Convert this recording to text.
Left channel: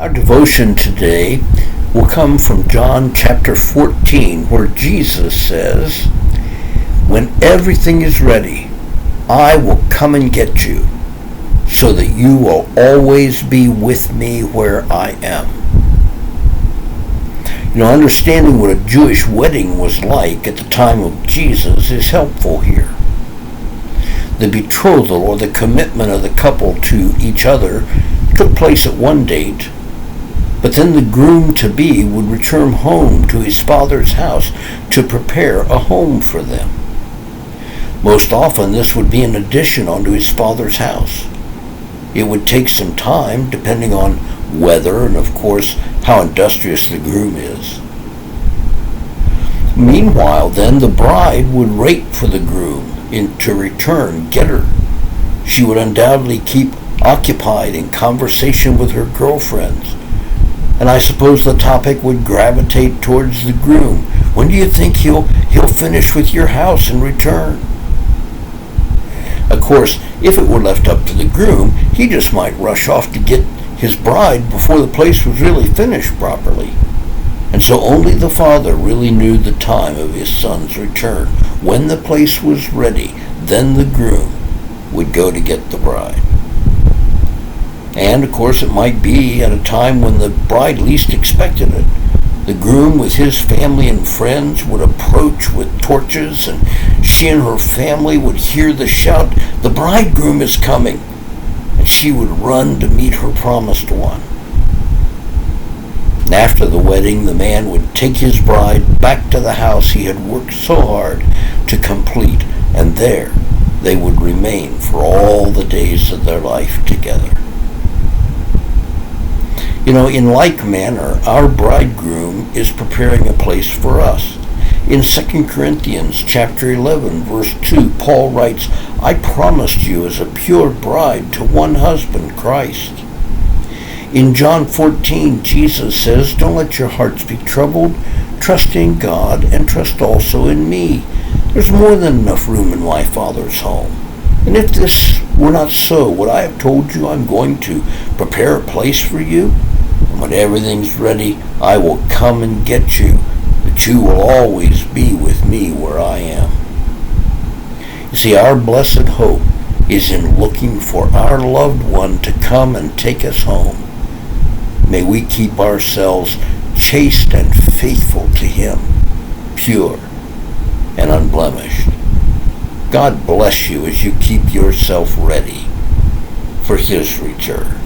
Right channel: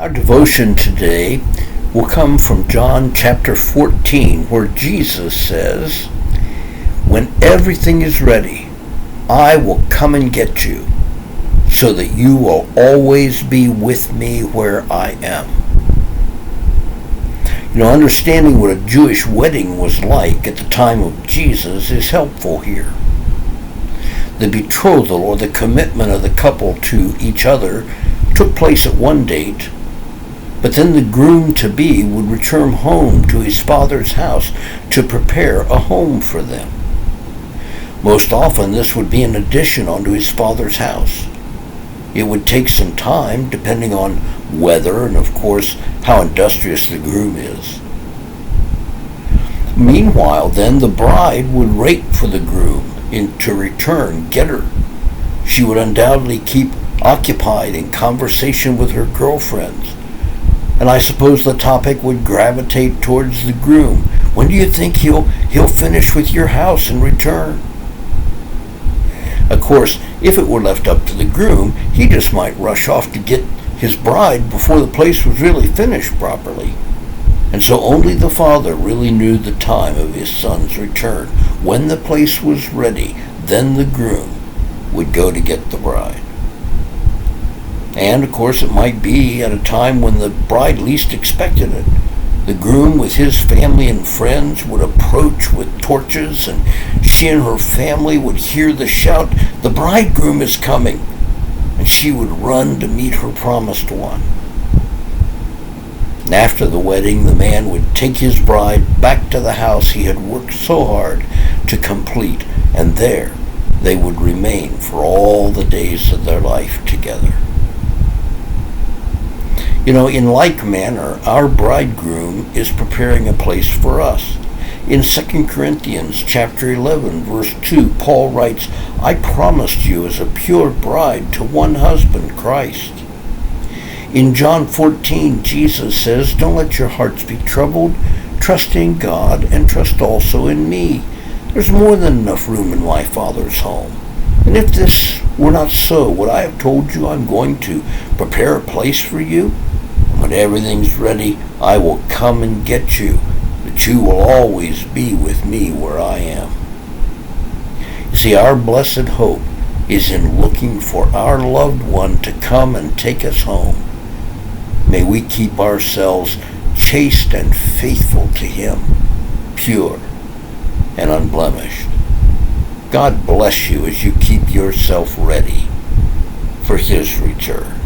Our devotion today will come from John chapter 14, where Jesus says, "When everything is ready, I will come and get you, so that you will always be with me where I am." Understanding what a Jewish wedding was like at the time of Jesus is helpful here. The betrothal, or the commitment of the couple to each other, took place at one date, but then the groom-to-be would return home to his father's house to prepare a home for them. Most often this would be an addition onto his father's house. It would take some time, depending on weather and, of course, how industrious the groom is. Meanwhile, then, the bride would wait for the groom to return, get her. She would undoubtedly keep occupied in conversation with her girlfriends, and I suppose the topic would gravitate towards the groom. When do you think he'll finish with your house and return? Of course, if it were left up to the groom, he just might rush off to get his bride before the place was really finished properly. And so only the father really knew the time of his son's return. When the place was ready, then the groom would go to get the bride. And, of course, it might be at a time when the bride least expected it. The groom with his family and friends would approach with torches, and she and her family would hear the shout, "The bridegroom is coming!" And she would run to meet her promised one. And after the wedding, the man would take his bride back to the house he had worked so hard to complete, and there they would remain for all the days of their life together. In like manner, our bridegroom is preparing a place for us. In 2 Corinthians chapter 11, verse 2, Paul writes, "I promised you as a pure bride to one husband, Christ." In John 14, Jesus says, "Don't let your hearts be troubled. Trust in God and trust also in me. There's more than enough room in my Father's home. And if this were not so, would I have told you I'm going to prepare a place for you? And when everything's ready, I will come and get you, that you will always be with me where I am." You see, our blessed hope is in looking for our loved one to come and take us home. May we keep ourselves chaste and faithful to him, pure and unblemished. God bless you as you keep yourself ready for his return.